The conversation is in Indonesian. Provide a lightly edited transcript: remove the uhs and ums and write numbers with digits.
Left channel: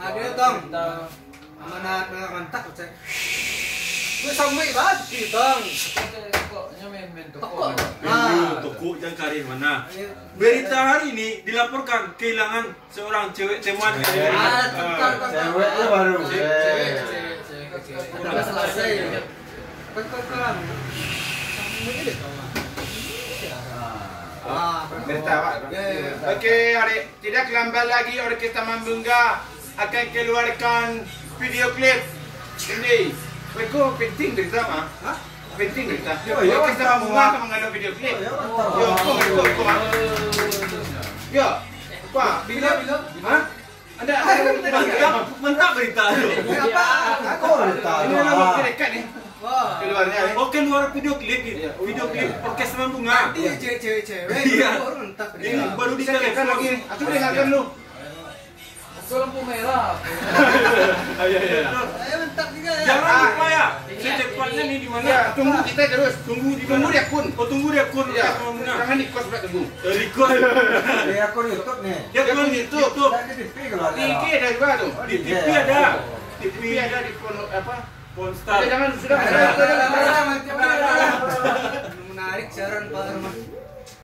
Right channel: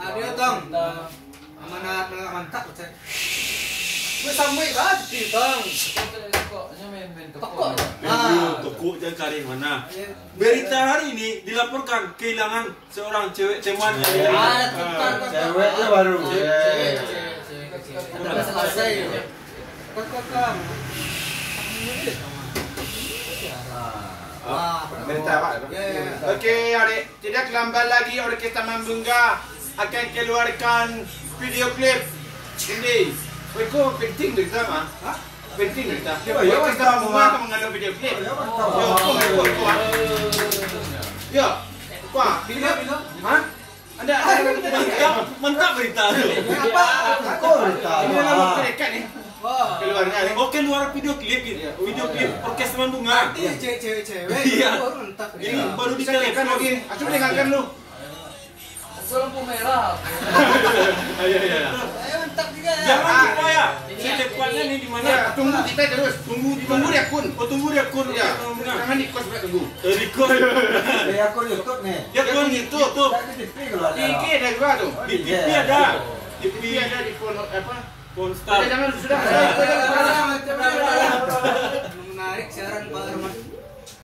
Ada Tong. Mana mantap saya. Gue sampai banget sih Tong. Pokoknya main Toko. Toko jangan karin mana. Berita hari ini dilaporkan kehilangan seorang cewek teman. Ceweknya baru. Cewek. Udah selesai. Kakak. Berita Pak. Oke, adik, tidak lambat lagi Orkestra Mambungga akan keluarkan video klip. Ini, kau penting berita mah? Hah? Penting berita. Orkestra Mambungga akan mengenai video klip. Yo, kau. Yo, kau, bila? Hah? Anda Mantap berita. Apa? Aku berita. Ini nama mereka nih. Wah. Keluarnya. Oh, keluar video klip gitu. Video klip Orkestra Mambungga. Tadi cewek-cewek. Iya. Baru mantap. Ini baru Bisa tekan ditelepon lagi. Aku dengarkan lu. Itu lampu merah. Mantap juga ya. Jangan lupa ya. Secepatnya nih di mana? Ya, tunggu kita terus. Tunggu di akun. Oh, tunggu di akun. Ya, jangan di kos tunggu. Di akun. Di akun YouTube nih. Di akun YouTube. Tadi di TV keluarnya. IG ada juga tuh. Di TV ada. Di TV ada di phone apa? Ponstar. Jangan sudah. Menarik siaran Pak Arman.